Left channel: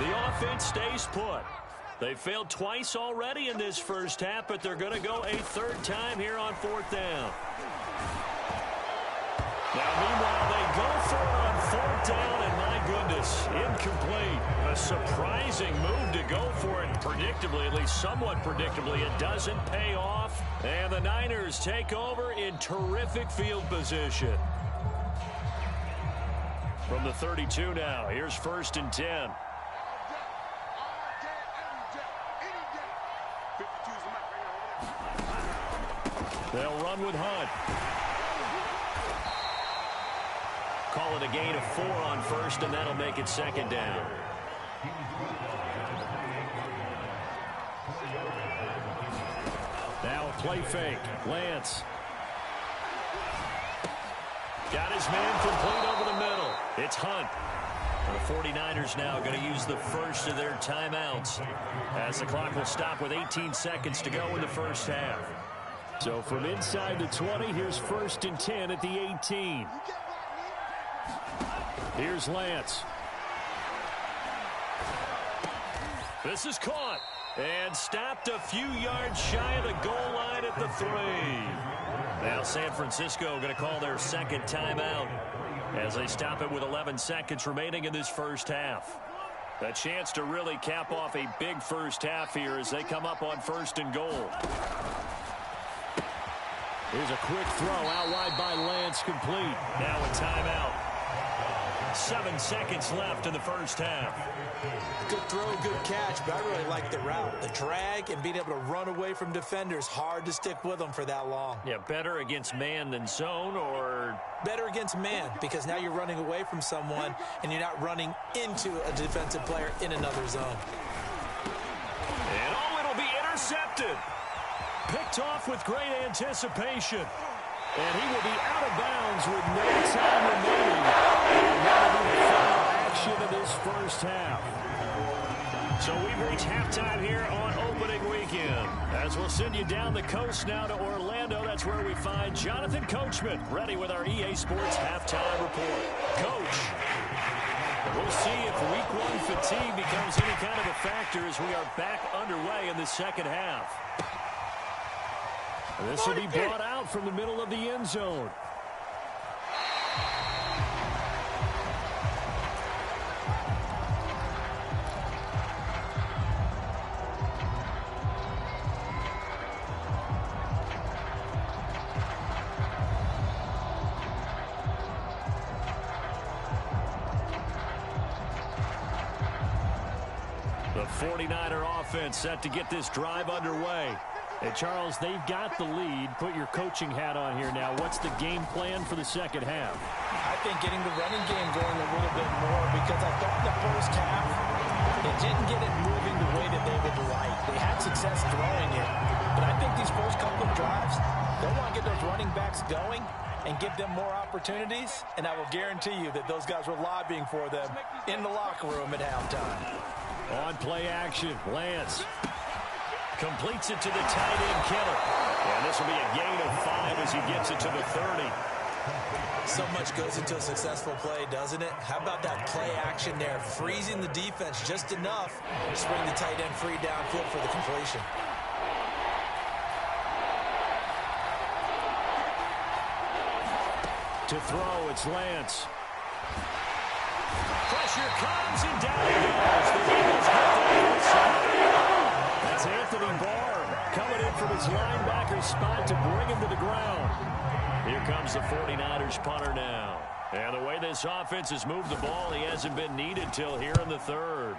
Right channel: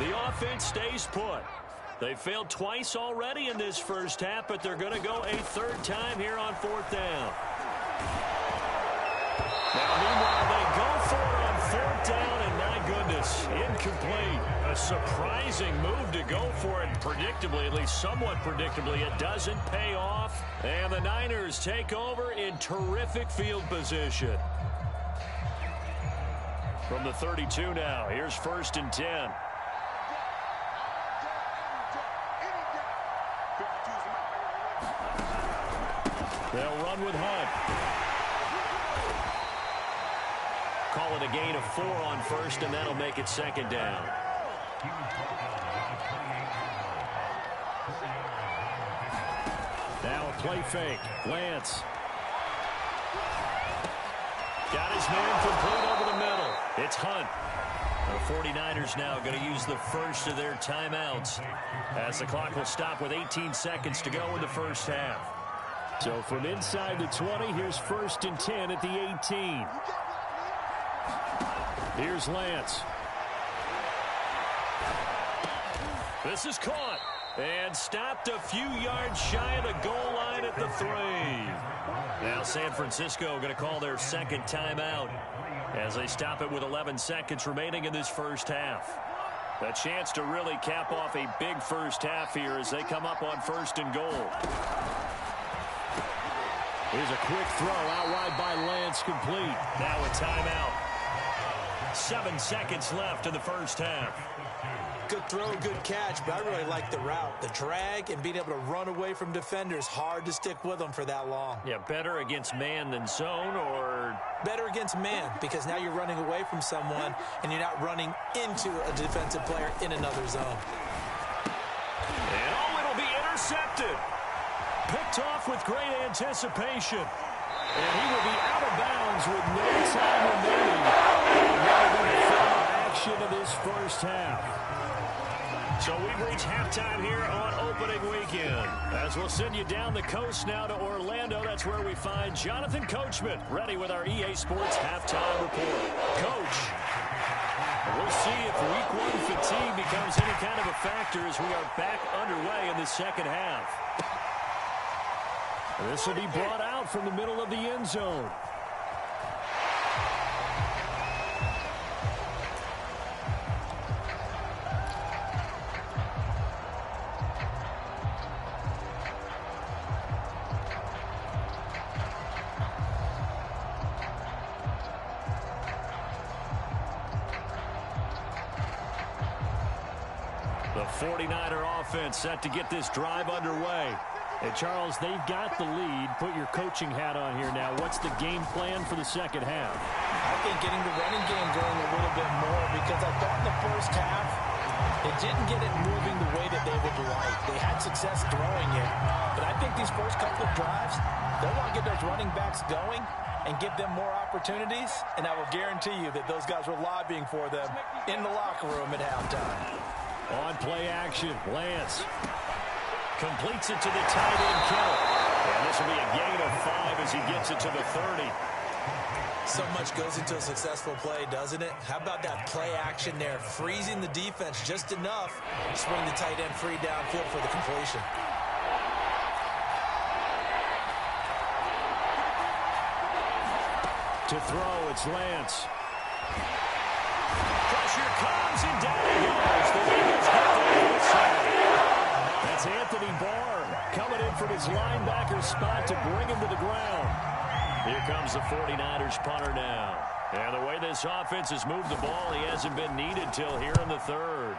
The offense stays put. They failed twice already in this first half, but they're going to go a third time here on fourth down. Now, meanwhile, they go for it on fourth down, and my goodness, incomplete. A surprising move to go for it, predictably, at least somewhat predictably. It doesn't pay off, and the Niners take over in terrific field position. From the 32 now, here's 1st and 10. They'll run with Hunt. Call it a gain of 4 on 1st, and that'll make it 2nd down. Now a play fake. Lance. Got his man complete over the middle. It's Hunt. The 49ers now going to use the first of their timeouts as the clock will stop with 18 seconds to go in the first half. So from inside the 20, here's 1st and 10 at the 18. Here's Lance. This is caught and stopped a few yards shy of the goal line at the 3. Now San Francisco going to call their 2nd timeout as they stop it with 11 seconds remaining in this first half. A chance to really cap off a big first half here as they come up on 1st and goal. Here's a quick throw out wide by Lance, complete. Now a timeout. 7 seconds left in the first half. Good throw, good catch, but I really like the route. The drag and being able to run away from defenders, hard to stick with them for that long. Yeah, better against man than zone, or? Better against man, because now you're running away from someone and you're not running into a defensive player in another zone. And it'll be intercepted. Picked off with great anticipation. And he will be out of bounds with no time remaining. And that will be the final action of this first half. So we've reached halftime here on opening weekend. As we'll send you down the coast now to Orlando. That's where we find Jonathan Coachman ready with our EA Sports halftime report. Coach, we'll see if week 1 fatigue becomes any kind of a factor as we are back underway in the second half. This will be brought out from the middle of the end zone. The 49er offense set to get this drive underway. Hey, Charles, they've got the lead. Put your coaching hat on here now. What's the game plan for the second half? I think getting the running game going a little bit more, because I thought in the first half they didn't get it moving the way that they would like. They had success throwing it, but I think these first couple of drives, they want to get those running backs going and give them more opportunities, and I will guarantee you that those guys were lobbying for them in the locker room at halftime. On play action, Lance completes it to the tight end, Kittle. And this will be a gain of 5 as he gets it to the 30. So much goes into a successful play, doesn't it? How about that play action there, freezing the defense just enough to bring the tight end free downfield for the completion. To throw, it's Lance. Pressure comes, and down he goes. The Eagles get the outside. That's Anthony Barr coming in from his linebacker spot to bring him to the ground. Here comes the 49ers punter now. And the way this offense has moved the ball, he hasn't been needed till here in the third.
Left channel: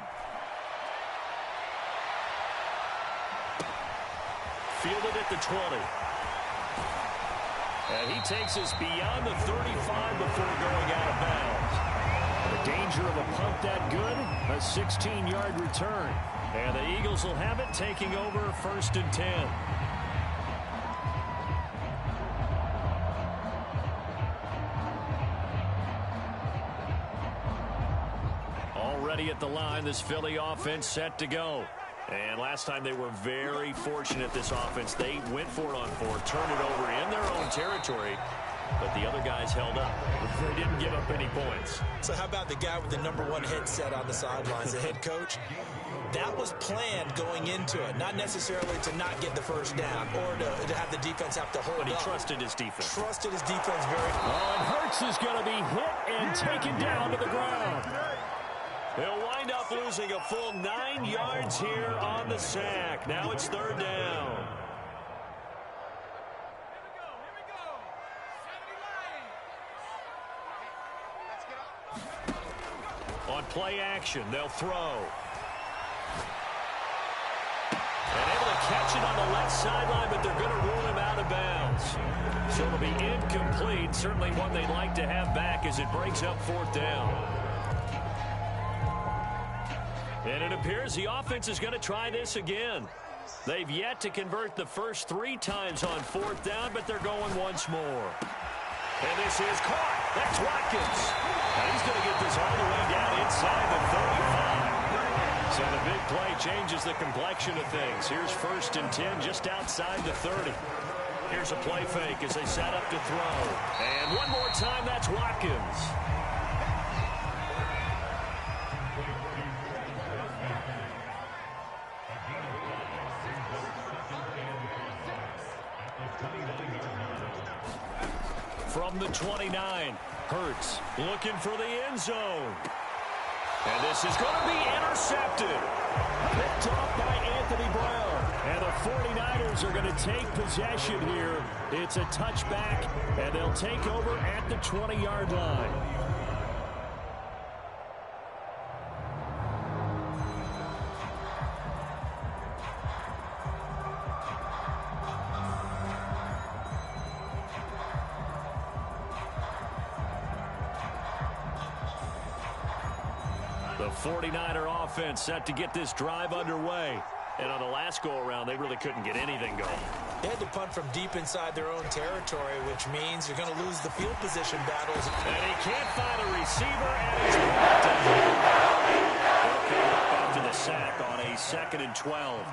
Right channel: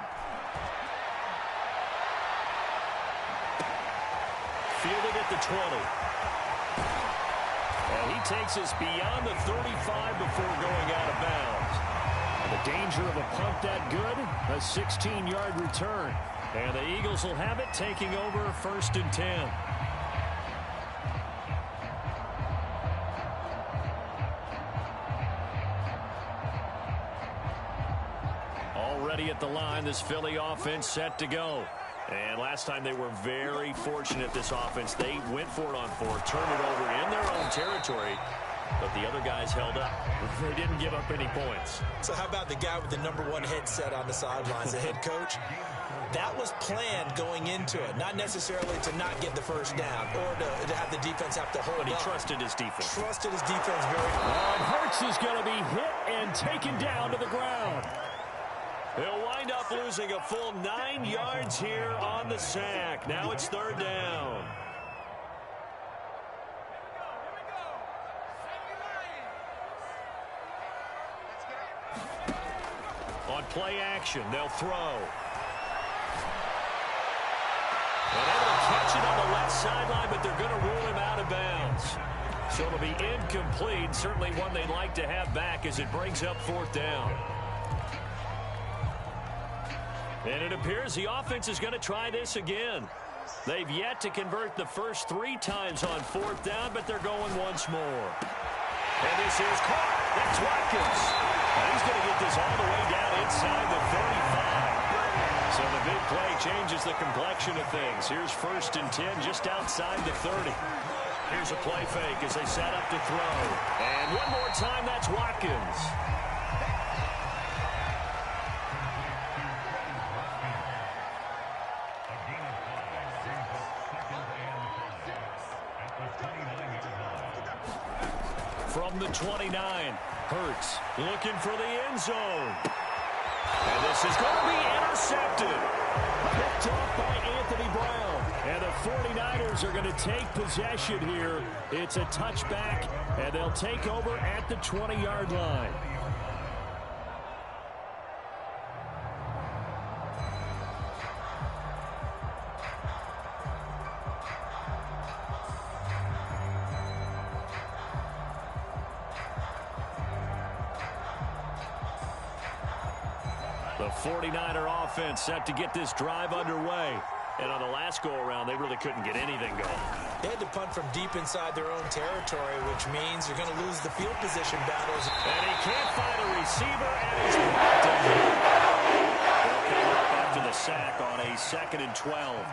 Fielded at the 20. And he takes us beyond the 35 before going out of bounds. The danger of a punt that good, a 16-yard return. And the Eagles will have it, taking over 1st and 10. Already at the line, this Philly offense set to go. And last time they were very fortunate, this offense. They went for it on 4, turned it over in their own territory, but the other guys held up. They didn't give up any points. So how about the guy with the #1 headset on the sidelines, the head coach? That was planned going into it, not necessarily to not get the first down or to have the defense have to hold up. But he trusted his defense. Trusted his defense very much. Oh, and Hurts is going to be hit and taken down to the ground. He'll wind up losing a full 9 yards here on the sack. Now it's 3rd down. On play action, they'll throw. And able to catch it on the left sideline, but they're going to rule him out of bounds. So it'll be incomplete. Certainly one they'd like to have back as it brings up 4th down. And it appears the offense is going to try this again. They've yet to convert the first 3 times on 4th down, but they're going once more. And this is caught. That's Watkins. And he's going to get this all the way down inside the 35. So the big play changes the complexion of things. Here's 1st and 10 just outside the 30. Here's a play fake as they set up to throw. And one more time, that's Watkins. From the 29, Hurts looking for the end zone. And this is going to be intercepted. Picked off by Anthony Brown. And the 49ers are going to take possession here. It's a touchback, and they'll take over at the 20-yard line. The 49er offense set to get this drive underway. And on the last go-around, they really couldn't get anything going. They had to punt from deep inside their own territory, which means you're going to lose the field position battles. And he can't find a receiver, and he's blocked him. They'll come up after the sack on a 2nd and 12.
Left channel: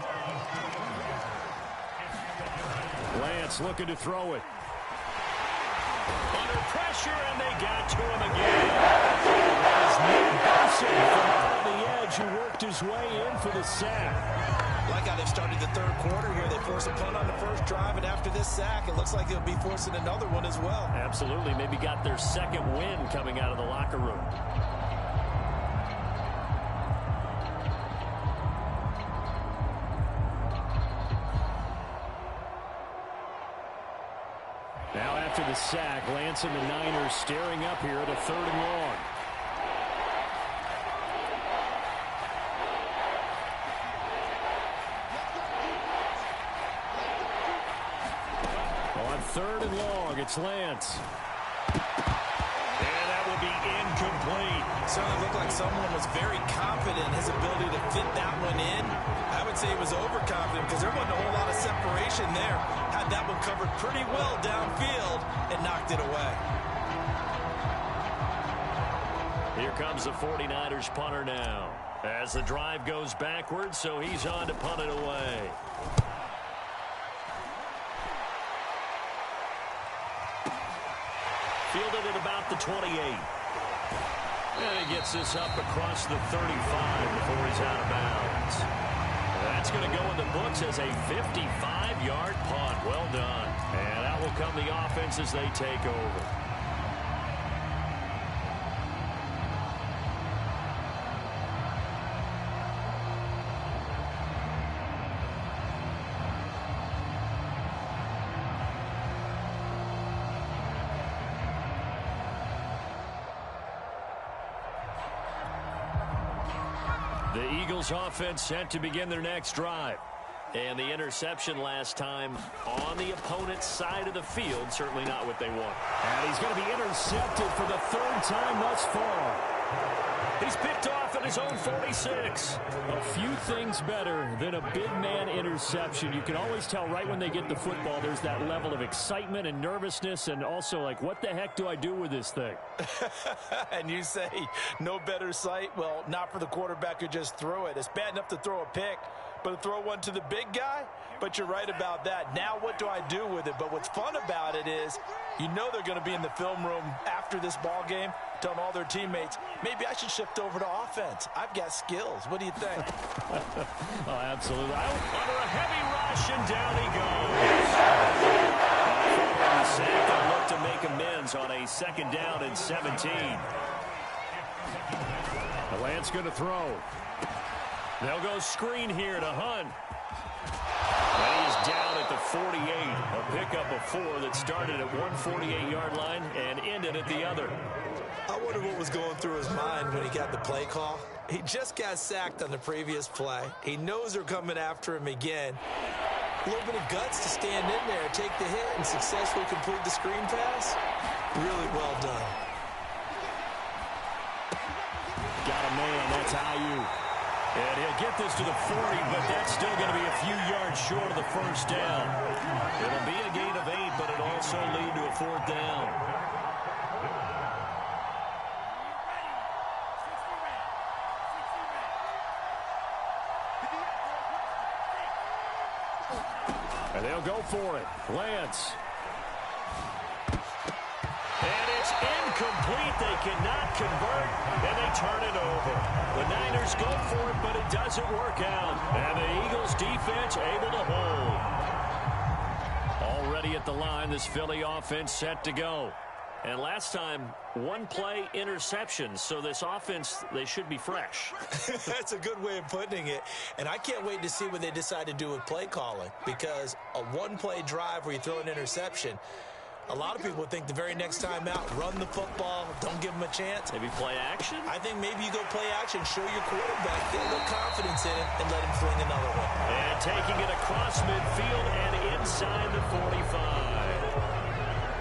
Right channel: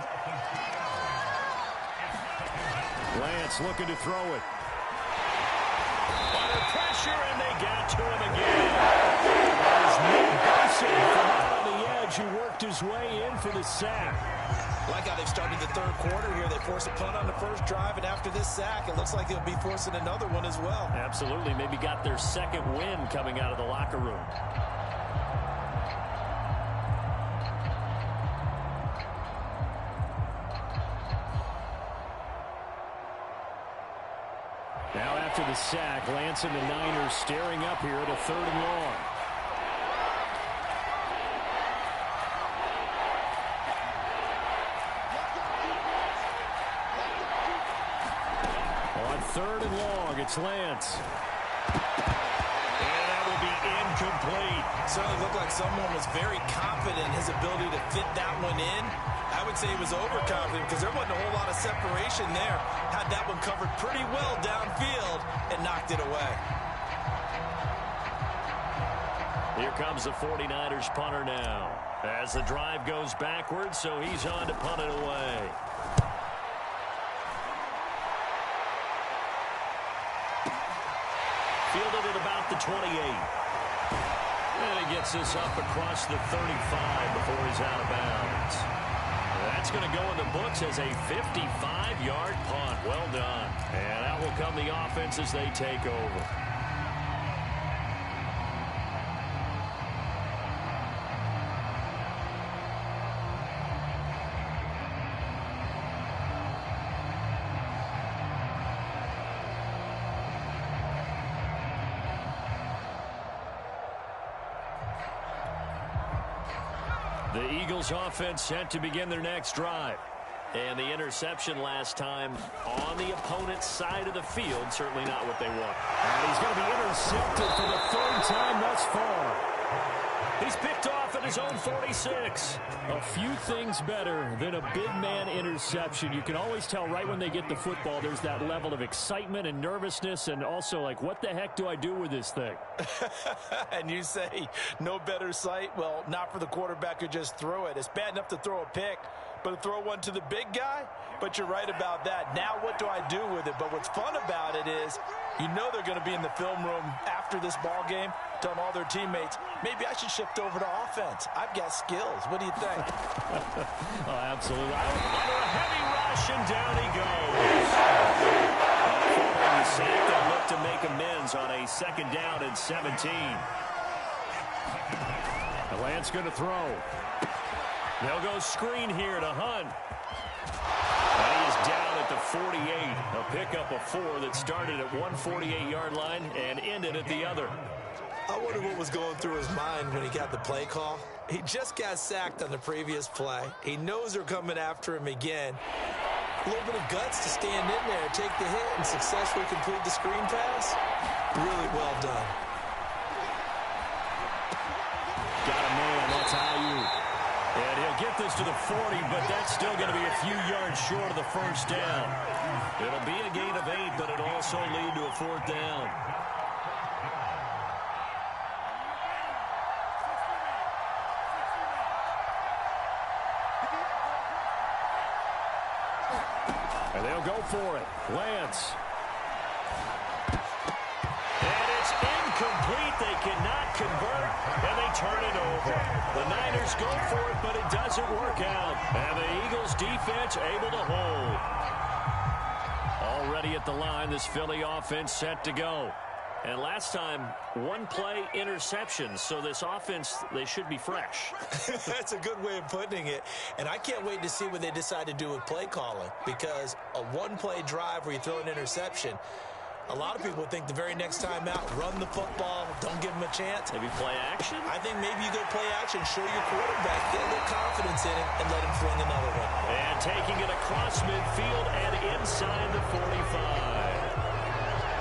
Lance looking to throw it. Under pressure, and they got to him again. That is Nick Benson from out on the edge who worked his way in for the sack. Like how they've started the 3rd quarter here. They force a punt on the first drive, and after this sack, it looks like they'll be forcing another one as well. Absolutely. Maybe got their 2nd win coming out of the locker room. Now after the sack, Lance and the Niners staring up here at a 3rd and long. On 3rd and long, it's Lance. And that will be incomplete. Certainly looked like someone was very confident in his ability to fit that one in. I would say he was overconfident because there wasn't a whole lot of separation there. Had that one covered pretty well downfield and knocked it away. Here comes the 49ers punter now. As the drive goes backwards, so he's on to punt it away. Fielded at about the 28. And he gets this up across the 35 before he's out of bounds. That's going to go in the books as a 55-yard punt. Well done. And out will come the offense as they take over. The Eagles offense set to begin their next drive. And the interception last time on the opponent's side of the field, certainly not what they want. And he's going to be intercepted for the 3rd time thus far. He's picked off at his own 46. A few things better than a big man interception. You can always tell right when they get the football, there's that level of excitement and nervousness, and also like, what the heck do I do with this thing? And you say no better sight? Well, not for the quarterback who just threw it. It's bad enough to throw a pick, but throw one to the big guy. But you're right about that. Now what do I do with it? But what's fun about it is you know they're going to be in the film room after this ball game telling all their teammates, maybe I should shift over to offense. I've got skills. What do you think? Oh, absolutely. Under a heavy rush, and down he goes. Following the sack, they'll look to make amends on a 2nd down and 17. The Lance going to throw. They'll go screen here to Hunt. And he is down at the 48. A pickup of 4 that started at one 48-yard line and ended at the other. I wonder what was going through his mind when he got the play call. He just got sacked on the previous play. He knows they're coming after him again. A little bit of guts to stand in there, take the hit, and successfully complete the screen pass. Really well done. Got a man. That's IU. And he'll get this to the 40, but that's still going to be a few yards short of the 1st down. It'll be a gain of 8, but it'll also lead to a 4th down. And they'll go for it. Lance. And it's incomplete. They cannot convert, and they turn it over. The Niners go for it, but it doesn't work out. And the Eagles defense able to hold. Already at the line, this Philly offense set to go. And last time, 1-play interception. So this offense, they should be fresh. That's a good way of putting it. And I can't wait to see what they decide to do with play calling. Because a 1-play drive where you throw an interception, a lot of people think the very next time out, run the football, don't give them a chance. Maybe play action? I think maybe you go play action, show your quarterback, get a little confidence in it, and let him fling another one. And taking it across midfield and inside the 45.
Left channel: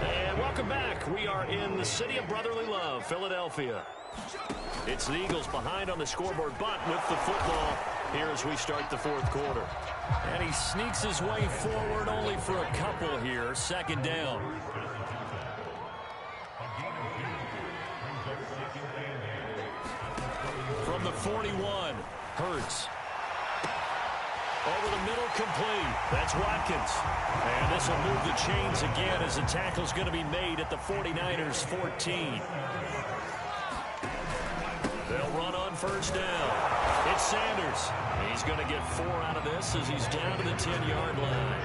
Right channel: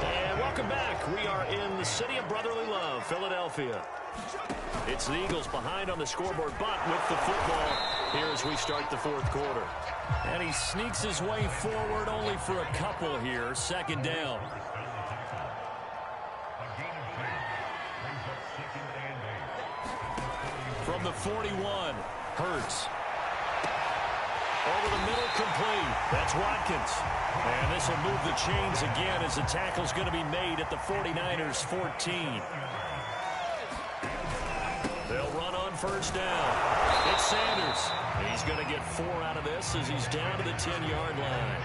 And welcome back. We are in the city of brotherly love, Philadelphia. It's the Eagles behind on the scoreboard, but with the football here as we start the 4th quarter. And he sneaks his way forward only for a couple here. 2nd down. From the 41, Hurts. Over the middle, complete. That's Watkins. And this will move the chains again as the tackle's going to be made at the 49ers' 14. They'll run on 1st down. It's Sanders. He's going to get 4 out of this as he's down to the 10-yard line.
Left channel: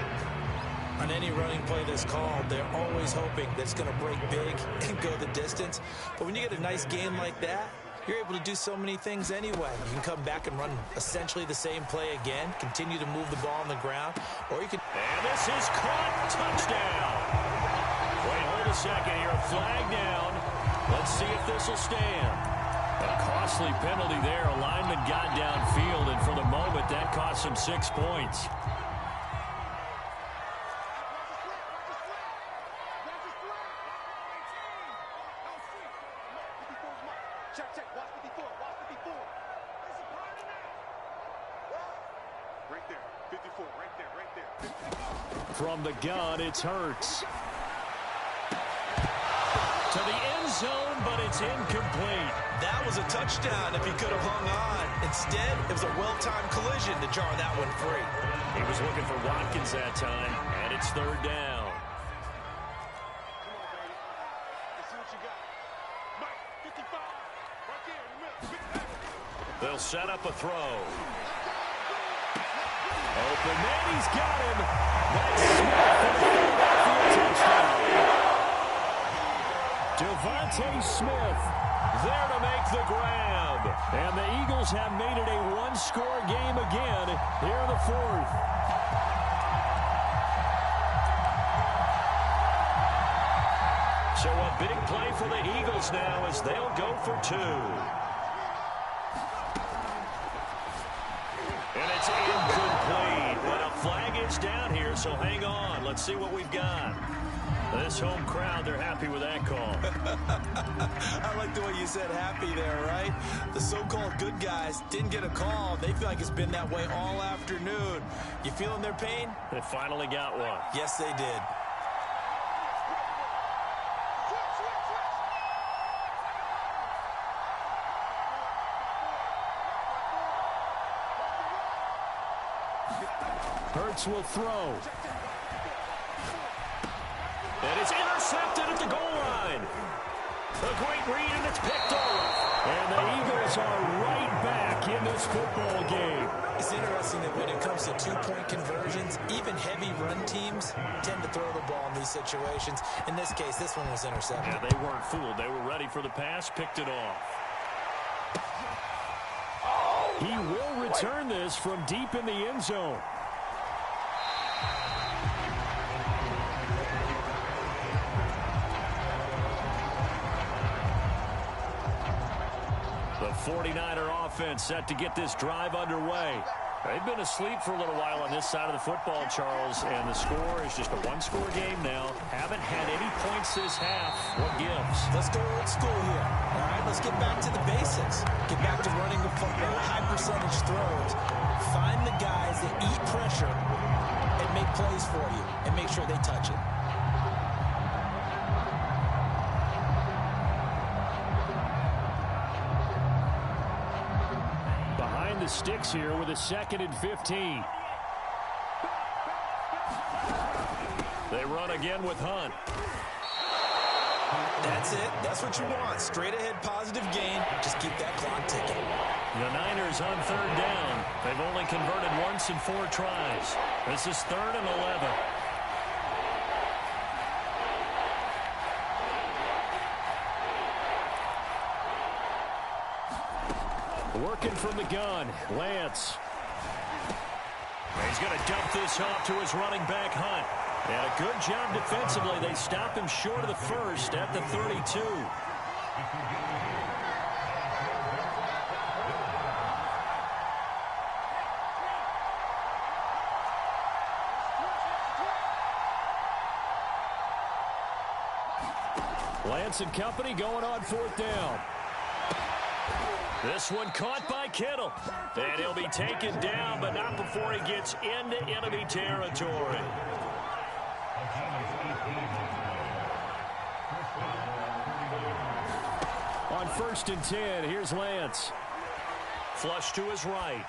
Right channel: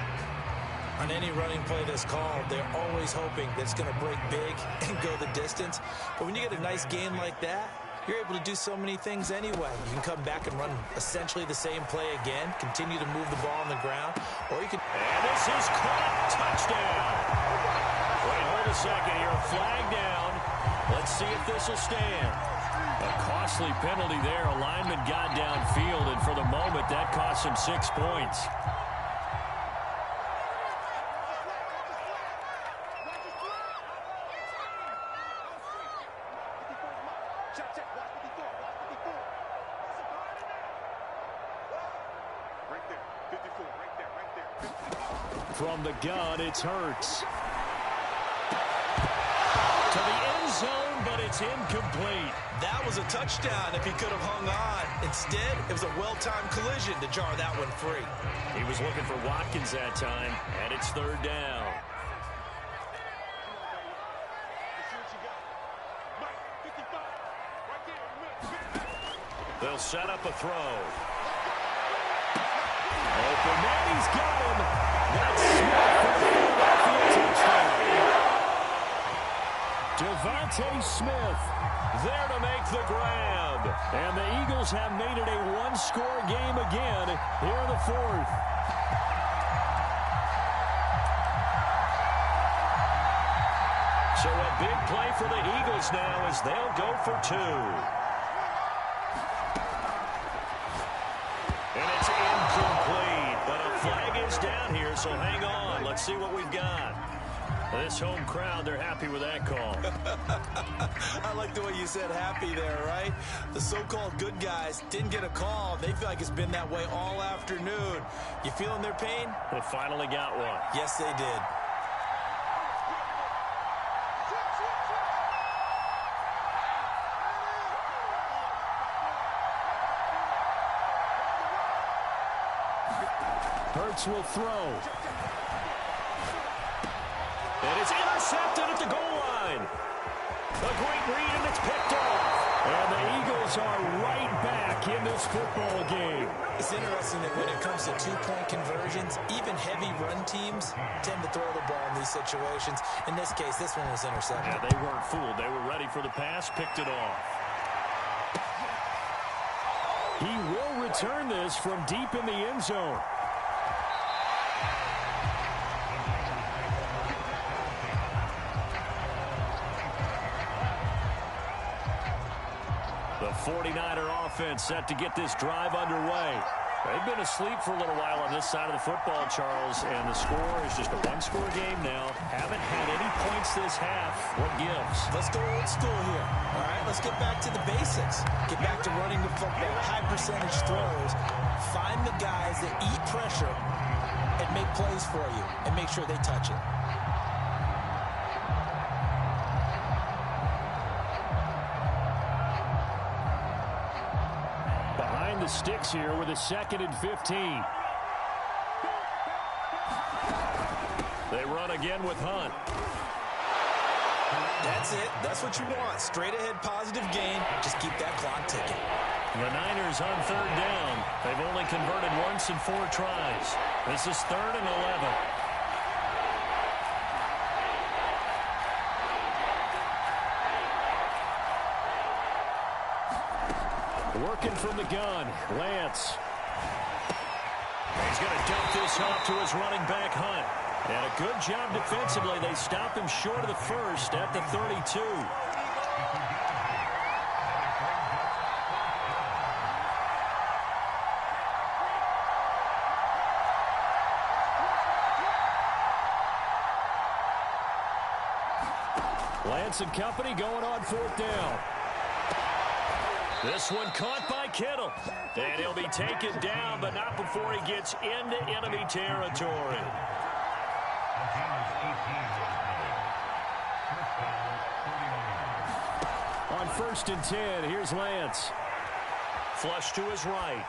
On any running play that's called, they're always hoping that it's going to break big and go the distance. But when you get a nice game like that, you're able to do so many things anyway. You can come back and run essentially the same play again, continue to move the ball on the ground, or you can... And this is caught. Touchdown. Wait, hold a second here. Flag down. Let's see if this will stand. A costly penalty there. A lineman got downfield, and for the moment, that cost him 6 points. From the gun, it's Hurts. To the end zone, but it's incomplete. That was a touchdown if he could have hung on. Instead, it was a well-timed collision to jar that one free. He was looking for Watkins that time, and it's 3rd down. They'll set up a throw. Open man, he's got him. That's Smith for the Philadelphia touchdown. Devontae Smith there to make the grab. And the Eagles have made it a 1-score game again here in the 4th. So a big play for the Eagles now as they'll go for 2. And it's incomplete, but a flag is down here, so hang on. Let's see what we've got. This home crowd, they're happy with that call. I like the way you said happy there, right? The so-called good guys didn't get a call. They feel like it's been that way all afternoon. You feeling their pain? They finally got one. Yes, they did. Hurts will throw. And it's intercepted at the goal line. A great read, and it's picked off. And the Eagles are right back in this football game. It's interesting that when it comes to two-point conversions, even heavy run teams tend to throw the ball in these situations. In this case, this one was intercepted. Yeah, they weren't fooled. They were ready for the pass, picked it off. He will return this from deep in the end zone. The 49er offense set to get this drive underway. They've been asleep for a little while on this side of the football, Charles, and the score is just a one-score game now. Haven't had any points this half. What gives? Let's go old school here. All right, let's get back to the basics. Get back to running the football, high-percentage throws. Find the guys that eat pressure and make plays for you and make sure they touch it. Behind the sticks here with a 2nd and 15. They run again with Hunt. That's it. That's what you want. Straight ahead positive gain. Just keep that clock ticking. The Niners on 3rd down. They've only converted once in 4 tries. This is 3rd and 11. Working from the gun, Lance. He's going to dump this off to his running back, Hunt. And a good job defensively. They stop him short of the first at the 32. Lance and company going on 4th down. This one caught by Kittle. And he'll be taken down, but not before he gets into enemy territory. On 1st and 10, here's Lance. Flush to his right.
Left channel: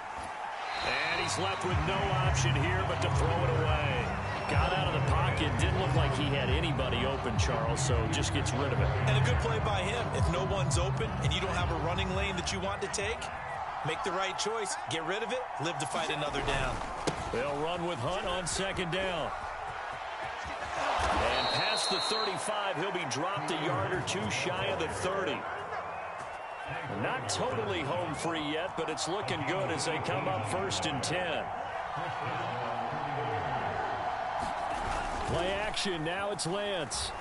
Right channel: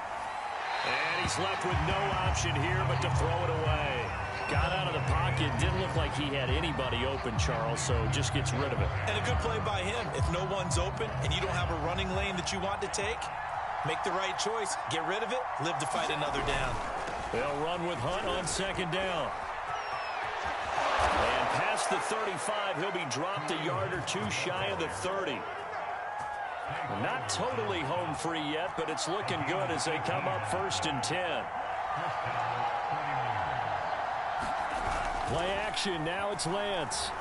And he's left with no option here but to throw it away. Got out of the pocket. Didn't look like he had anybody open, Charles, so just gets rid of it. And a good play by him. If no one's open and you don't have a running lane that you want to take, make the right choice. Get rid of it. Live to fight another down. They'll run with Hunt on 2nd down. And past the 35, he'll be dropped a yard or 2 shy of the 30. Not totally home free yet, but it's looking good as they come up 1st and 10. Play action, now it's Lance.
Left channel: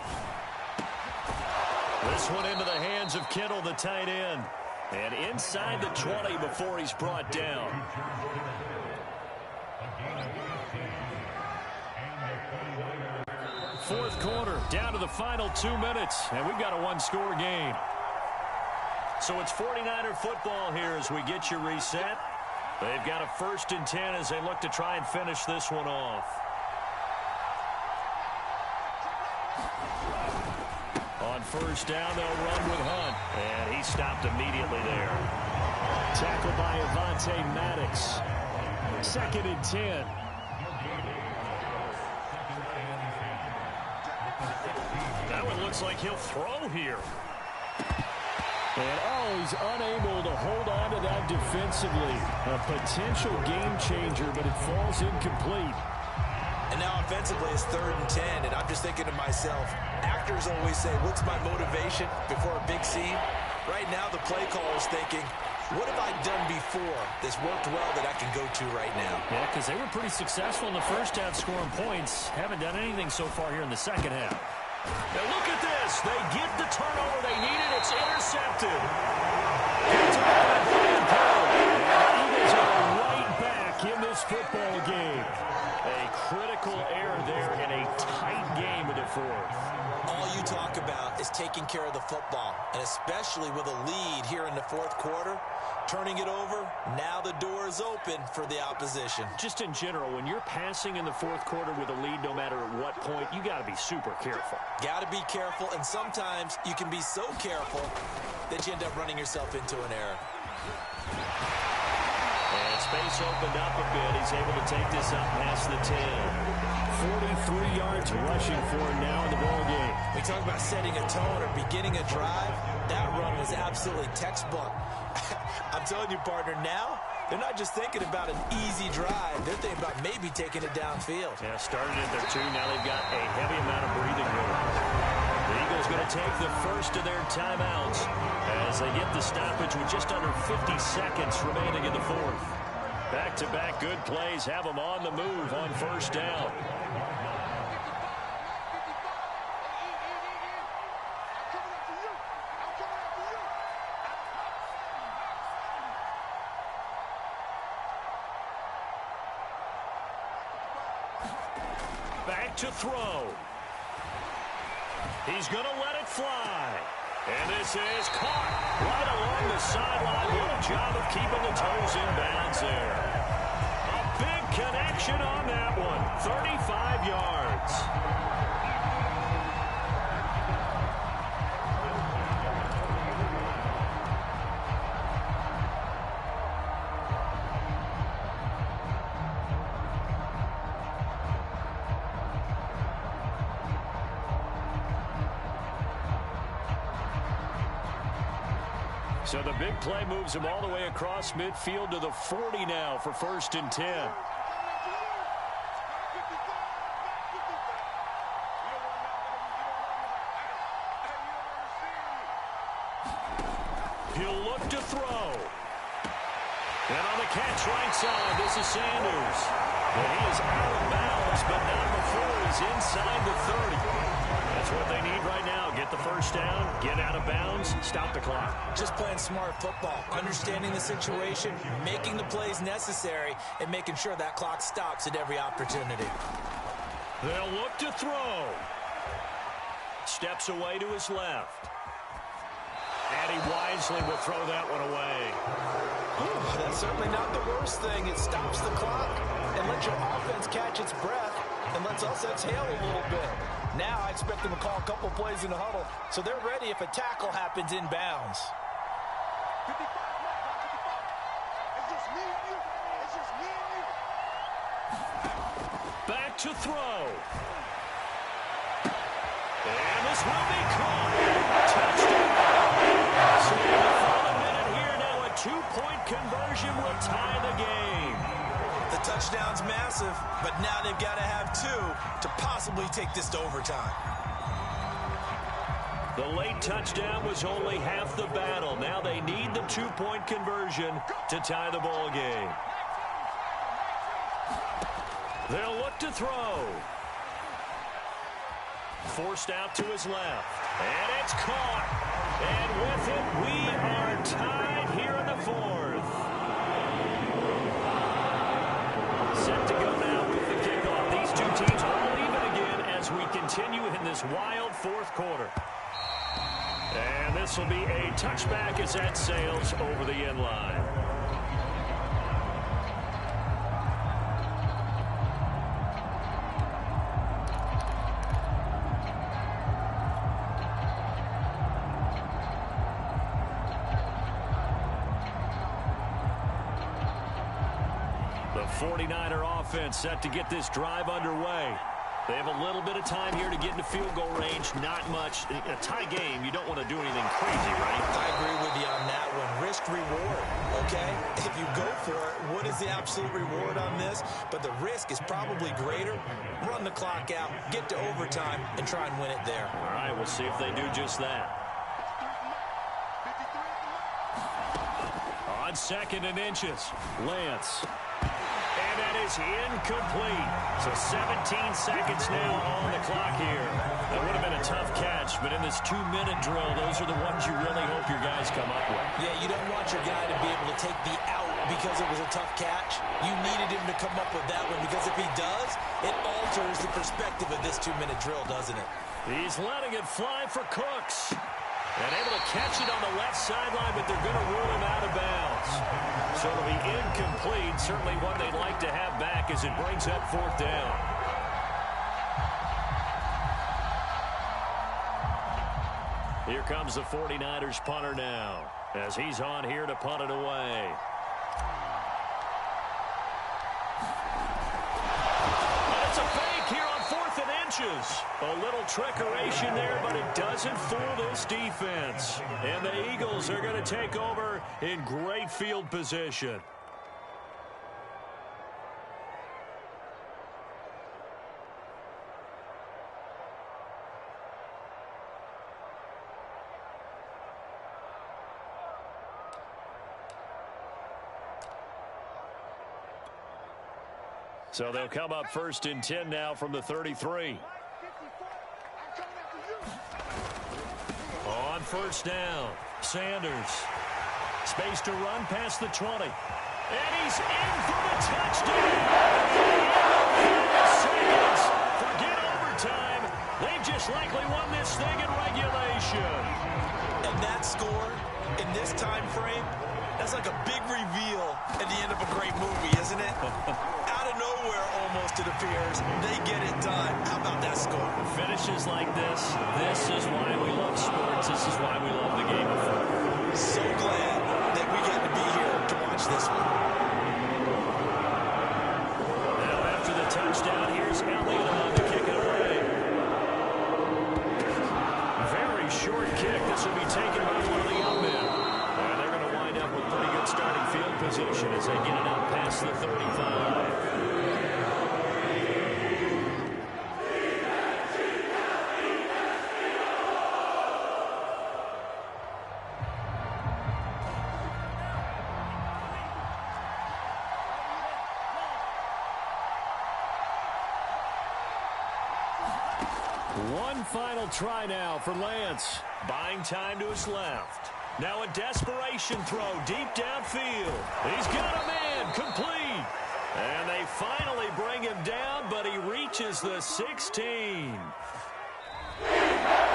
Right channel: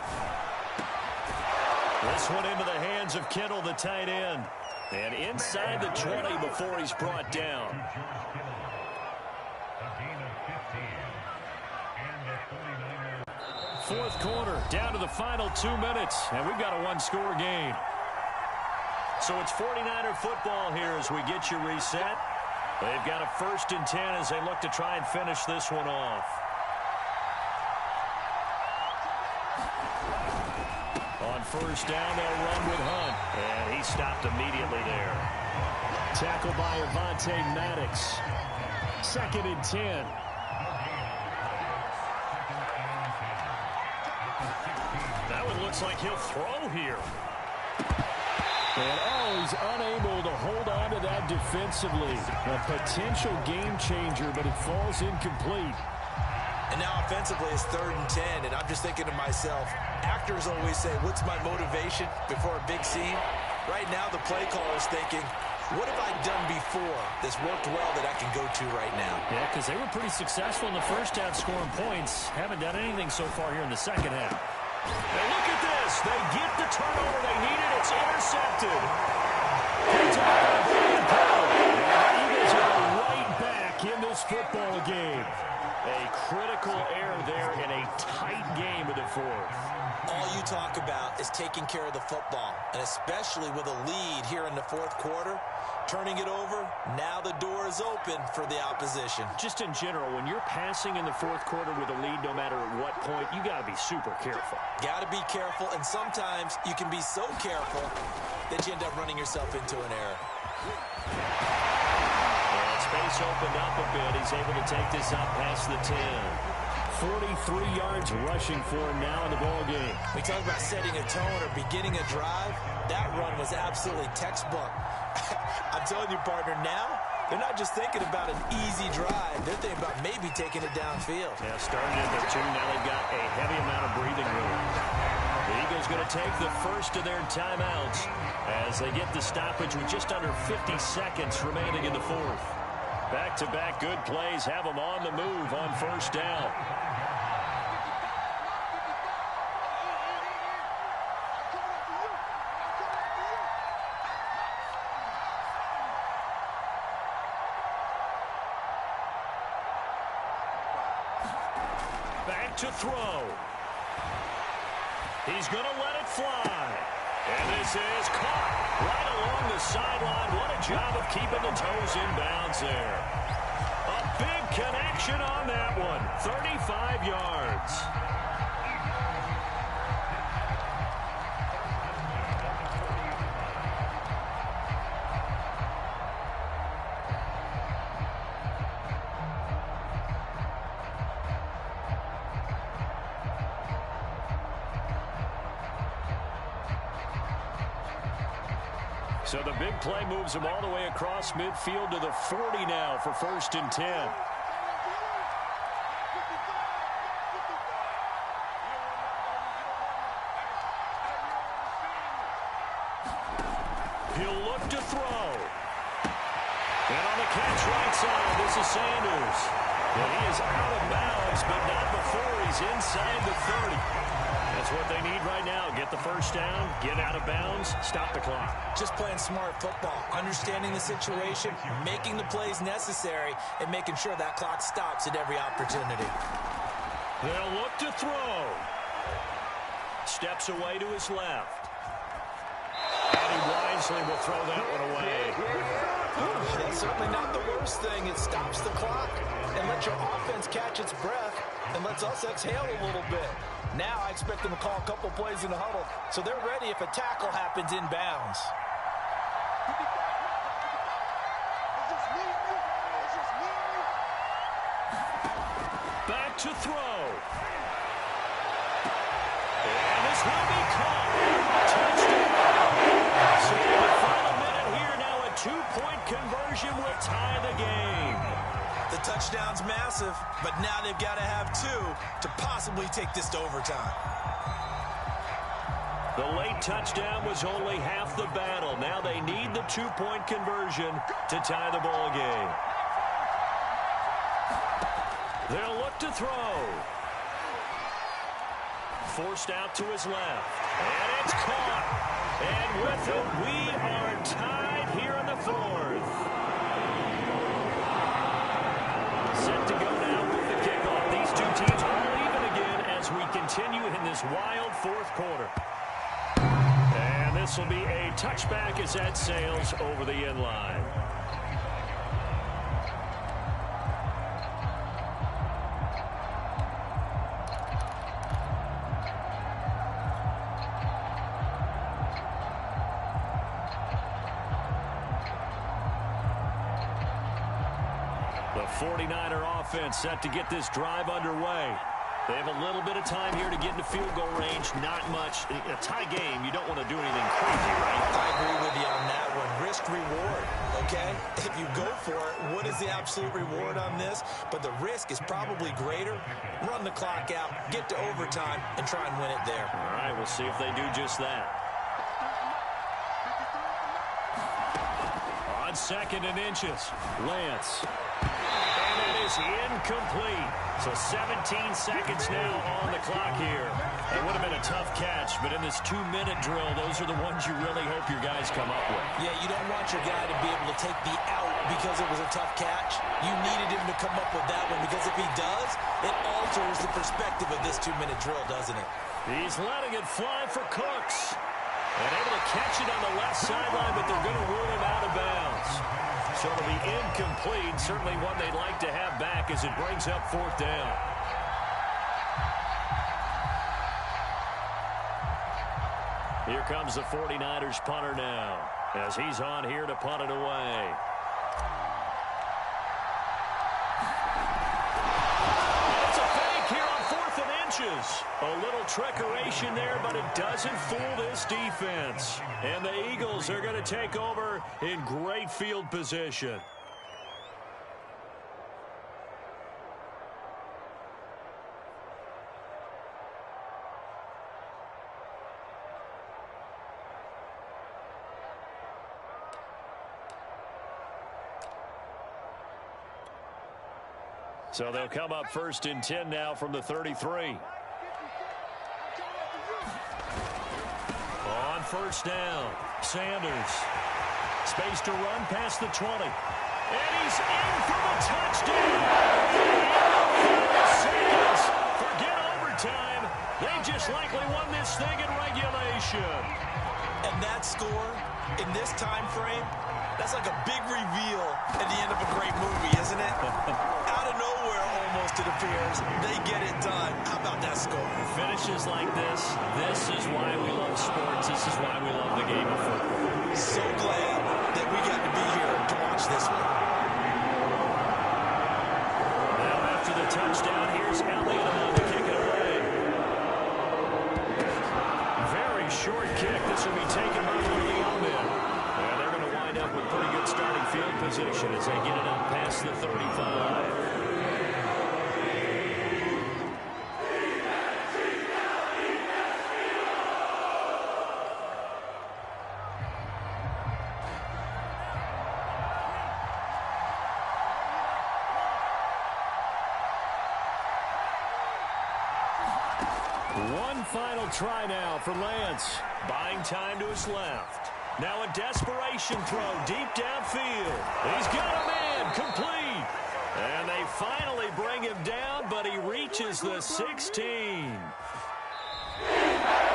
This one into the hands of Kittle, the tight end. And inside the 20 before he's brought down. Fourth quarter, down to the final 2 minutes, and we've got a one-score game. So it's 49er football here as we get you reset. They've got a 1st and 10 as they look to try and finish this one off. On 1st down, they'll run with Hunt. And he stopped immediately there. Tackled by Avonte Maddox. 2nd and 10. That one looks like he'll throw here. And, he's unable to hold on to that defensively. A potential game changer, but it falls incomplete. And now offensively it's 3rd and 10, and I'm just thinking to myself, actors always say, what's my motivation before a big scene? Right now the play caller is thinking, what have I done before that's worked well that I can go to right now? Yeah, because they were pretty successful in the first half scoring points. Haven't done anything so far here in the second half. Now look at this. They get the turnover they needed. It's intercepted. Picked up by Brian Poe. And the Eagles are right back in this football game. A critical error there in a tight game of the 4th. All you talk about is taking care of the football, and especially with a lead here in the 4th quarter, turning it over, now the door is open for the opposition. Just in general, when you're passing in the 4th quarter with a lead, no matter at what point, you got to be super careful. Got to be careful, and sometimes you can be so careful that you end up running yourself into an error. And it's space opened up a bit. He's able to take this up past the 10. 43 yards rushing for him now in the ball game. We talk about setting a tone or beginning a drive. That run was absolutely textbook. I'm telling you, partner, now they're not just thinking about an easy drive. They're thinking about maybe taking it downfield. Yeah, started at their 2. Now they've got a heavy amount of breathing room. The Eagles going to take the first of their timeouts as they get the stoppage with just under 50 seconds remaining in the 4th. Back-to-back good plays have them on the move on first down. Back to throw. He's going to let it fly. And this is caught right along the sideline. What a job of keeping the toes in bounds there. A big connection on that one. 35 yards. So the big play moves him all the way across midfield to the 40 now for 1st and 10. He'll look to throw. And on the catch right side, this is Sanders. And he is out of bounds, but not before he's inside the 30. That's what they need right now. Get the first down, get out of bounds, stop the clock. Just playing smart football, understanding the situation, making the plays necessary, and making sure that clock stops at every opportunity. They'll look to throw. Steps away to his left. And he wisely will throw that one away. Ooh, that's certainly not the worst thing. It stops the clock and lets your offense catch its breath and lets us exhale a little bit. Now I expect them to call a couple plays in the huddle, so they're ready if a tackle happens in bounds. Back to throw. And this will be caught. Touchdown. So in the final minute here, now a 2-point conversion will tie the game. The touchdown's massive, but now they've got to have 2 to possibly take this to overtime. The late touchdown was only half the battle. Now they need the 2-point conversion to tie the ball game. They'll look to throw. Forced out to his left. And it's caught. And with it, we are tied here in the 4th. Set to go now with the kickoff. These two teams all even again as we continue in this wild 4th quarter. And this will be a touchback as that sails over the end line. The 49er offense set to get this drive underway. They have a little bit of time here to get into field goal range. Not much. In a tie game, you don't want to do anything crazy, right? I agree with you on that one. Risk-reward, okay? If you go for it, what is the absolute reward on this? But the risk is probably greater. Run the clock out, get to overtime, and try and win it there. All right, we'll see if they do just that. On 2nd and inches, Lance. And that is incomplete. So 17 seconds now on the clock here. That would have been a tough catch, but in this 2-minute drill, those are the ones you really hope your guys come up with. Yeah, you don't want your guy to be able to take the out because it was a tough catch. You needed him to come up with that one because if he does, it alters the perspective of this 2-minute drill, doesn't it? He's letting it fly for Cooks. And able to catch it on the left sideline, but they're going to rule him out of bounds. So it'll be incomplete. Certainly one they'd like to have back as it brings up 4th down. Here comes the 49ers punter now as he's on here to punt it away. punches. A little trickeration there, but it doesn't fool this defense. And the Eagles are going to take over in great field position. So they'll come up 1st and 10 now from the 33. On 1st down, Sanders. Space to run past the 20. And he's in for the touchdown. Seconds. Forget overtime. They've just likely won this thing in regulation. And that score in this time frame, that's like a big reveal at the end of a great movie, isn't it? Out of nowhere, almost, it appears. They get it done. How about that score? Finishes like this is why we love sports. This is why we love the game of football. So glad that we got to be here to watch this one. Now after the touchdown, here's Elliott on to kick it away. Very short kick. This will be taken by one of the young men. And they're going to wind up with pretty good starting field position as they get it out past the 35. One final try now for Lance. Buying time to his left. Now a desperation throw deep downfield. He's got a man complete. And they finally bring him down, but he reaches the 16.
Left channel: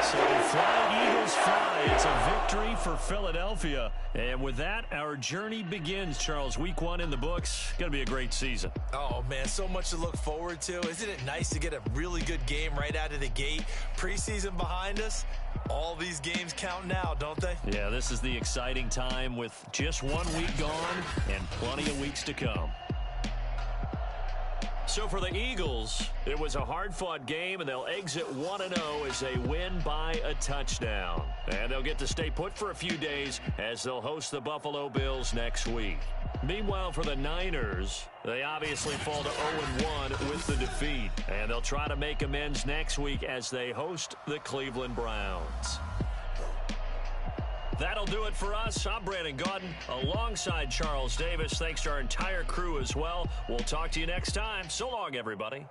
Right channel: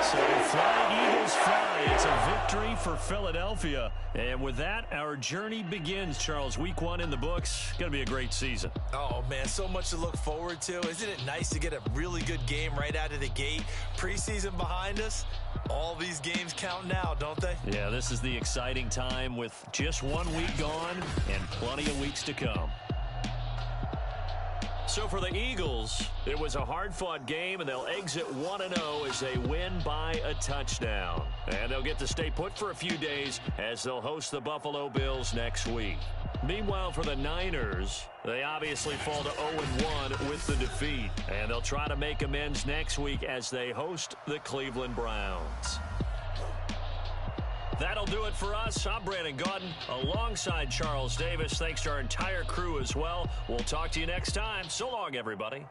So flying Eagles fly. It's a victory for Philadelphia. And with that, our journey begins, Charles. Week 1 in the books. Going to be a great season. Oh, man, so much to look forward to. Isn't it nice to get a really good game right out of the gate? Preseason behind us. All these games count now, don't they? Yeah, this is the exciting time with just 1 week gone and plenty of weeks to come. So for the Eagles, it was a hard-fought game, and they'll exit 1-0 as they win by a touchdown. And they'll get to stay put for a few days as they'll host the Buffalo Bills next week. Meanwhile, for the Niners, they obviously fall to 0-1 with the defeat. And they'll try to make amends next week as they host the Cleveland Browns. That'll do it for us. I'm Brandon Gaudin alongside Charles Davis. Thanks to our entire crew as well. We'll talk to you next time. So long, everybody.